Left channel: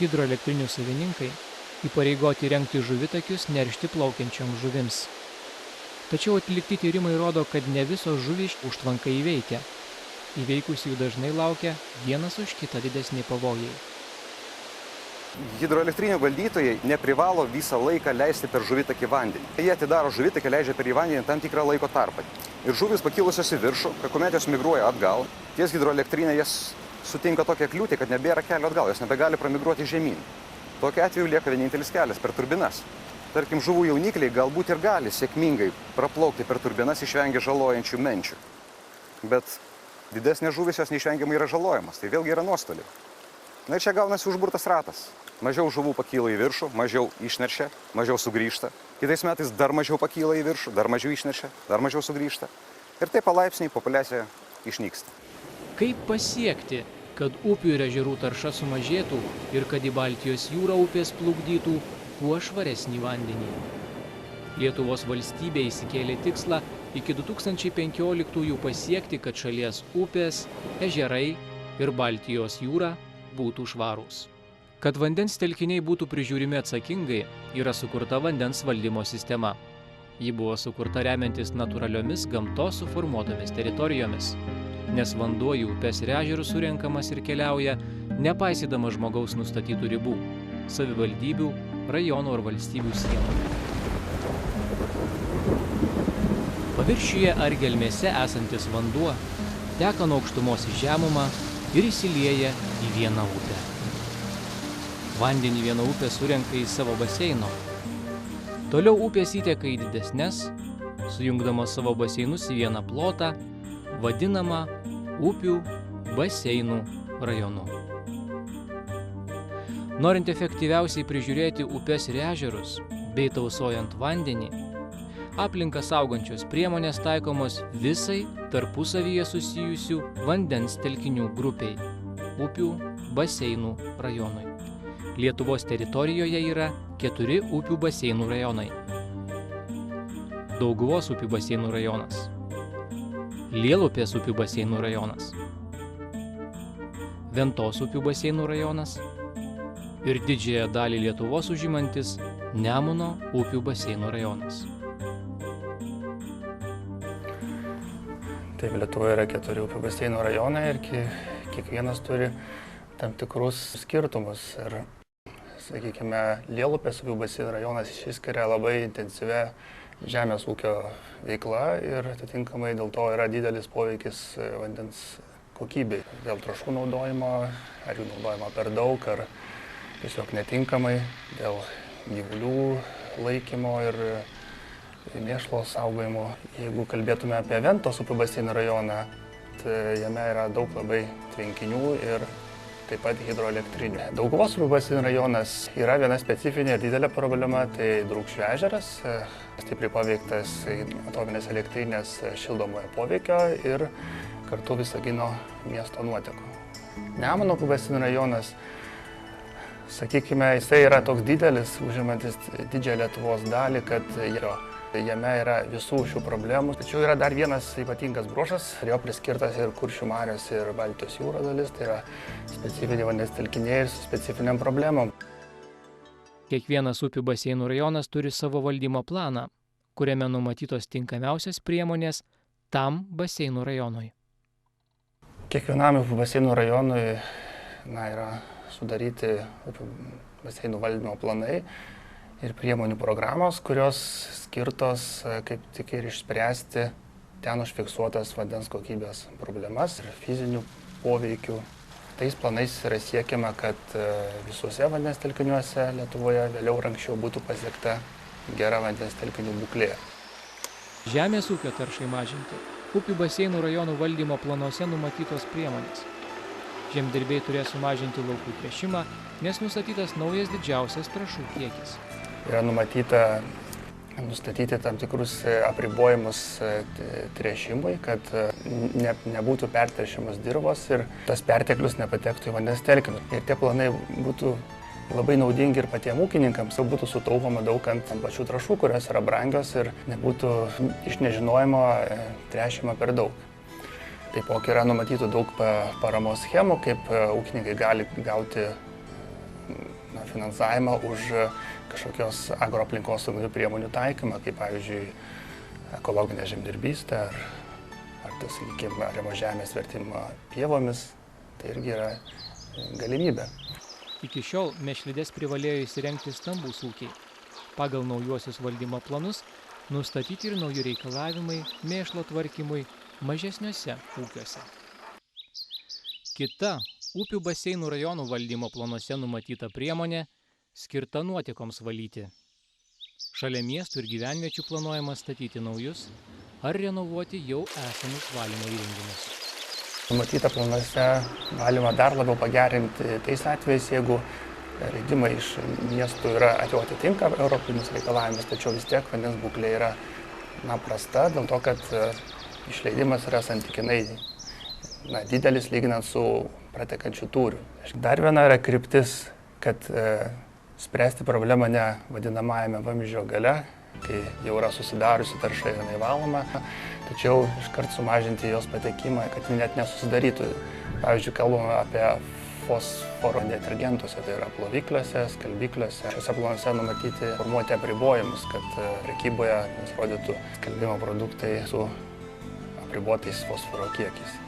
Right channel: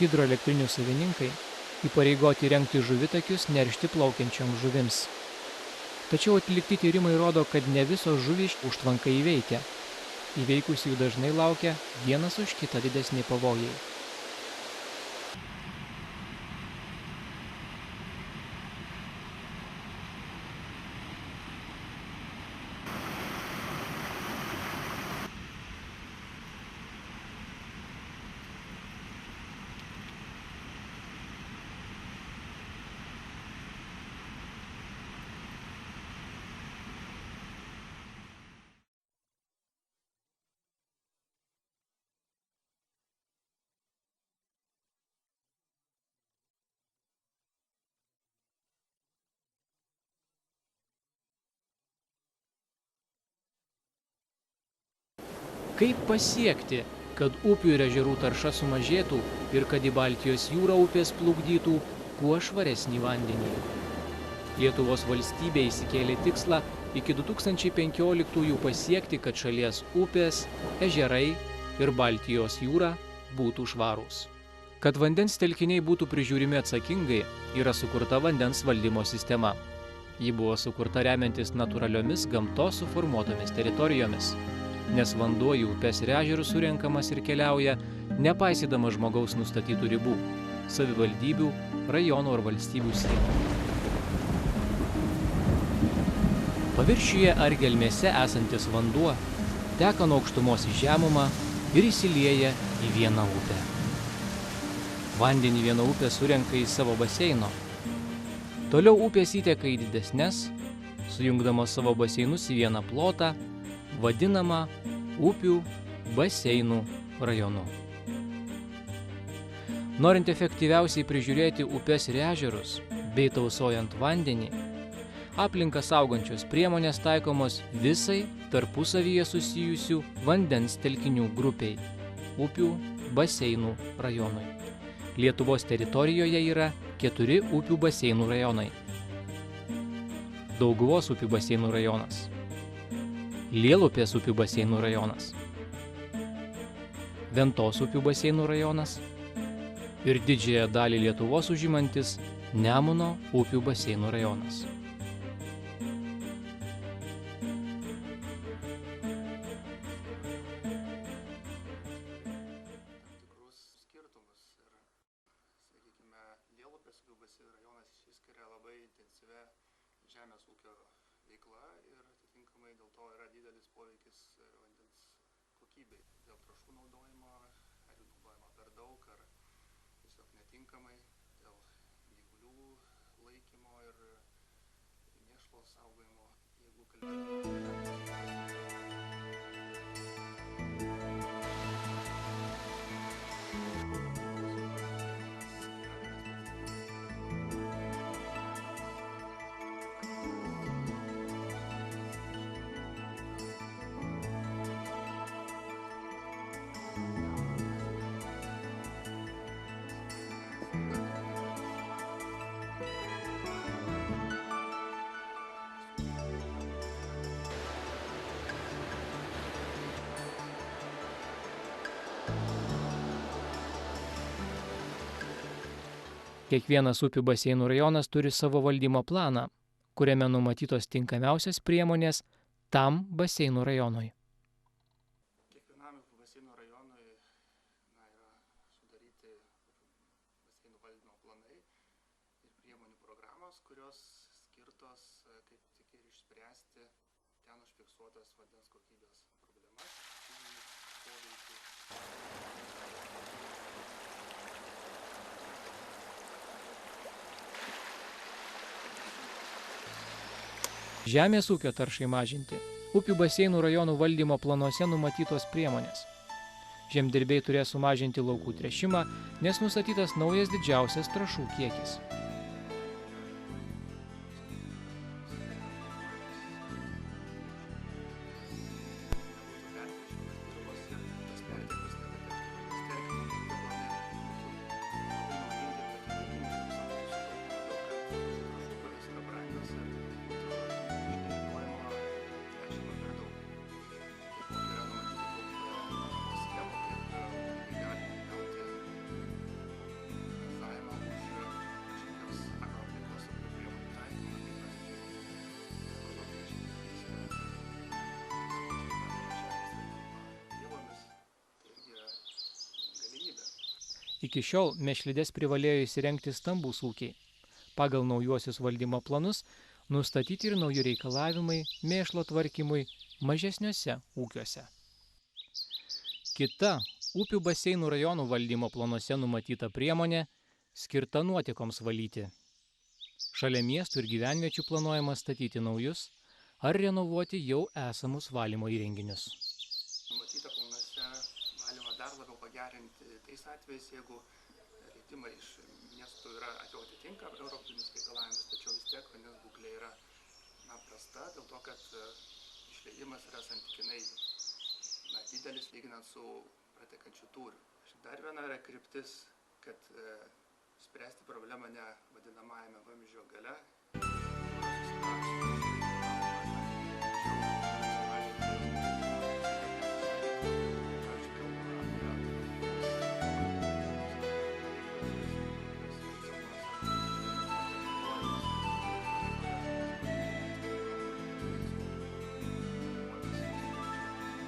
Hidroelektrinių savininkai įpareigoti rengti žuvitakius neršti plaukiančioms žuvims. Tačiau atlikti tyrimai rodo, kad ne visos žuvys užtvanką įveikia. Įveikusių dažnai laukia vienas už kitą didesni pavojai. Hidroelektrinių valdytojai neprivalo visą laiką leisti per žuvitakį vandenį. Jie atidaro žuvitakį, leidžia per į vandenį tam tikrą laiko tarpą. Ir žuvis pakilusios į viršų, kuomet jos migruoja atgal, ties hidroelektrinė jas sutinka tokią kliūtį, kad nebėra kelio atgal, jos nebegali pramigruoti žemyn. Tokiu atveju lieka vienintelis kelias per turbinas. Tarkim, žuvų jaunikliai galbūt ir gali sėkmingai praplaukti per turbinas, išvengia žalojančių menčių. Bet didesnės žuvis jos neišvengiamai yra žalojamas, tai vėlgi yra nuostoliai. Na ir čia gaunasi užburtas ratas. Mažiau žuvų pakyla į viršų, mažiau išneršia, mažiau sugrįžta. Kitais metais dar mažiau pakyla į viršų, dar mažiau išneršia, dar mažiau sugrįžta. Ir taip palaipsniui populiacija išnyksta. Kaip pasiekti, kad upių ir ežerų tarša sumažėtų ir kad į Baltijos jūrą upės plukdytų kuo švaresnį vandenį? Lietuvos valstybė įsikėlė tikslą iki 2015 pasiekti, kad šalies upės, ežerai ir Baltijos jūra būtų švarūs. Kad vandens telkiniai būtų prižiūrimi atsakingai, yra sukurta vandens valdymo sistema. Ji buvo sukurta remiantis natūraliomis gamtos suformuotomis teritorijomis, nes vanduo į upes ir ežerus surenkamas ir keliauja, nepaisydamas žmogaus nustatytų ribų, savivaldybių, rajonų ar valstybių sienų. Paviršiuje ar gelmėse esantis vanduo teka nuo aukštumos į žemumą ir įsilieja į vieną upę. Vandenį viena upė surenka į savo baseino. Toliau upės įteka į didesnes, sujungdamos savo baseinus į vieną plotą, vadinamą upių baseinų rajonu. Norint efektyviausiai prižiūrėti upes ir ežerus, bei tausojant vandenį, aplinką saugančios priemonės taikomos visai tarpusavyje susijusių vandens telkinių grupiai – upių baseinų rajonui. Lietuvos teritorijoje yra 4 upių baseinų rajonai. Dauguvos upių baseinų rajonas, Lielupės upių baseinų rajonas, Ventos upių baseinų rajonas ir didžiąją dalį Lietuvos užimantis Nemuno upių baseinų rajonas. Taip, Lietuvoje yra 4 upių baseinų rajonai ir kiekvienas turi tam tikrus skirtumus. Ir, sakykime, Lielupės upių baseinų rajonas išsiskiria labai intensyvia žemės ūkio veikla ir atitinkamai dėl to yra didelis poveikis vandens kokybei. Dėl trąšų naudojimo, ar jų naudojimo per daug, ar tiesiog netinkamai, dėl gyvulių laikymo ir mėšlo saugojimo. Jeigu kalbėtume apie Ventos upių baseinų rajoną, tai jame yra daug labai tvenkinių ir taip pat hidroelektrinė. Dauguvos upių baseinų rajonas yra viena specifinė didelė problema, tai Drūkšių ežeras, stipriai paveiktas atominės elektrinės šildomojo poveikio ir kartu Visagino miesto nuotekų. Nemuno upių baseinų rajonas, sakykime, jisai yra toks didelis, užimantis didžiąją Lietuvos dalį, kad jame yra visų šių problemų. Tačiau yra dar vienas ypatingas bruožas, jo priskirtas ir Kuršių marios ir Baltijos jūros dalis, tai yra specifiniai vandens telkiniai su specifiniam problemom. Kiekvienas upių baseinų rajonas turi savo valdymo planą, kuriame numatytos tinkamiausias priemonės tam baseinų rajonui. Kiekvienam upių baseinų rajonui yra sudaryti upių baseinų valdymo planai ir priemonių programos, kurios skirtos kaip tik ir išspręsti ten užfiksuotas vandens kokybės problemas ir fizinių poveikių. Tais planais yra siekiama, kad visuose vandens telkiniuose Lietuvoje vėliau ir anksčiau būtų pasiekta gera vandens telkinių būklė. Žemės ūkio taršai mažinti upių baseinų rajonų valdymo planuose numatytos priemonės. Žemdirbiai turės sumažinti laukų tręšimą, nes nustatytas naujas didžiausias trąšų kiekis. Yra numatyta nustatyti tam tikrus apribojimus tręšimui, kad nebūtų pertręšiamos dirvos ir tas perteklius nepatektų į vandens telkinius. Ir tie planai būtų labai naudingi ir patiems ūkininkams, jau būtų sutaupoma daug ant pačių trąšų, kurios yra brangios ir nebūtų iš nežinojimo tręšima per daug. Taipogi yra numatytų daug paramos schemų, kaip ūkininkai gali gauti finansavimą už kažkokios agroaplinkosauginių priemonių taikymą, kaip pavyzdžiui ekologinė žemdirbystė ar tai, sakykime, ariamos žemės vertimą pievomis, tai irgi yra galimybė. Iki šiol mėšlides privalėjo įsirengti stambūs ūkiai. Pagal naujuosius valdymo planus nustatyti ir nauji reikalavimai mėšlo tvarkymui mažesniuose ūkiuose. Kita upių baseinų rajonų valdymo planuose numatyta priemonė skirta nuotekoms valyti. Šalia miestų ir gyvenviečių planuojama statyti naujus ar renovuoti jau esamus valymo įrenginius. Numatyta planuose galima dar labiau pagerinti tais atvejais, jeigu leidimai iš miestų atitinka europinius reikalavimus, tačiau vis tiek vandens būklė yra prasta, dėl to, kad išleidimas yra santykinai didelis lyginant su pratekančiu tūriu. Dar viena yra kryptis, kad spręsti problemą ne vadinamajame vamzdžio gale, kai jau yra susidariusi tarša ir nevaloma, tačiau iškart sumažinti jos patekimą, kad ji net nesusidarytų. Pavyzdžiui, kalbame apie fosforo detergentuose, tai yra plovikliuose, skalbikliuose. Šiuose planuose numatyti formuoti apribojimus, kad prekyboje nurodytų skalbimo produktai su apribotais fosforo kiekiais.